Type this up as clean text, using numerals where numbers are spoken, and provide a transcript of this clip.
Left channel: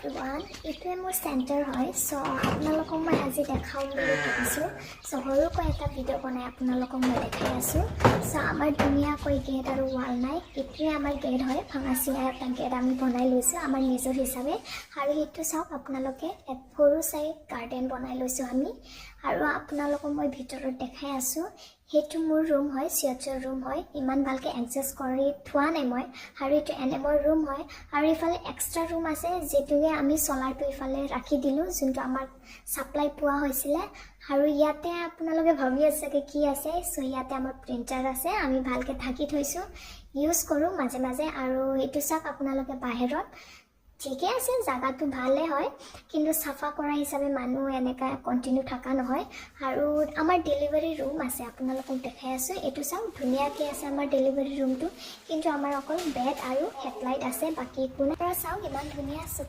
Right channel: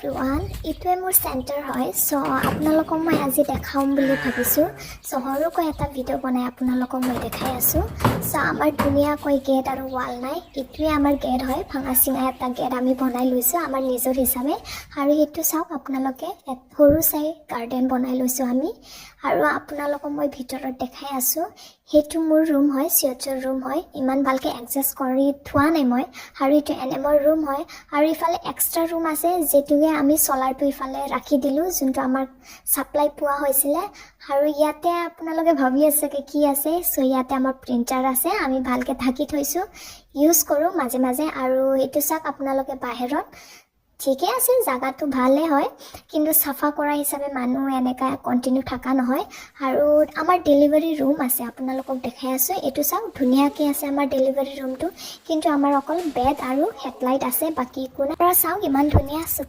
Everyone, এইটোৱে মোৰ centre হয়। চ' আপোনালোকক মই আজি দেখাম বুলি ভাবিছোঁ। চ' সৰুকৈ এটা ভিডিঅ' বনাই আপোনালোকক মই দেখাই আছোঁ। চ' আমাৰ ধুনীয়াকৈ গেট আৰু ৱাল নাই, এইটোৱে আমাৰ গেট হয়। ভাঙা চিঙা এটা গেট আমি বনাই লৈছোঁ আমাৰ নিজৰ হিচাপে। আৰু এইটো চাওক আপোনালোকে, সৰু চাই গাৰ্ডেন বনাই লৈছোঁ আমি। আৰু আপোনালোকক মই ভিতৰত দেখাই আছোঁ, সেইটো মোৰ ৰুম হয়, চিঅ'চৰ ৰুম হয়। ইমান ভালকৈ এডজাষ্ট কৰি থোৱা নাই মই। আৰু এইটো এনিমৰ ৰুম হয়। আৰু ইফালে এক্সট্ৰা ৰুম আছে, যিটোকে আমি চলাৰটো ইফালে ৰাখি দিলোঁ, যোনটো আমাৰ ছাপ্লাই পোৱা হৈছিলে। আৰু ইয়াতে আপোনালোকে ভাবি আছে কি আছে। চ' ইয়াতে আমাৰ প্ৰিণ্টাৰ আছে, আমি ভালকৈ ঢাকি থৈছোঁ, ইউজ কৰোঁ মাজে মাজে। আৰু এইটো চাওক আপোনালোকে বাহিৰত, ঠিকে আছে, জাগাটো ভালেই হয়, কিন্তু চাফা কৰা হিচাপে মানুহ এনেকা কণ্টিনিউ থকা নহয়। আৰু আমাৰ ডেলিভাৰী ৰুম আছে, আপোনালোকক দেখাই আছোঁ। এইটো চাওক ধুনীয়াকৈ আছে আমাৰ ডেলিভাৰী ৰুমটো, কিন্তু আমাৰ অকল বেড আৰু হেডলাইট আছে, বাকী একো নাই। চাওক ইমান ধুনীয়া আছে।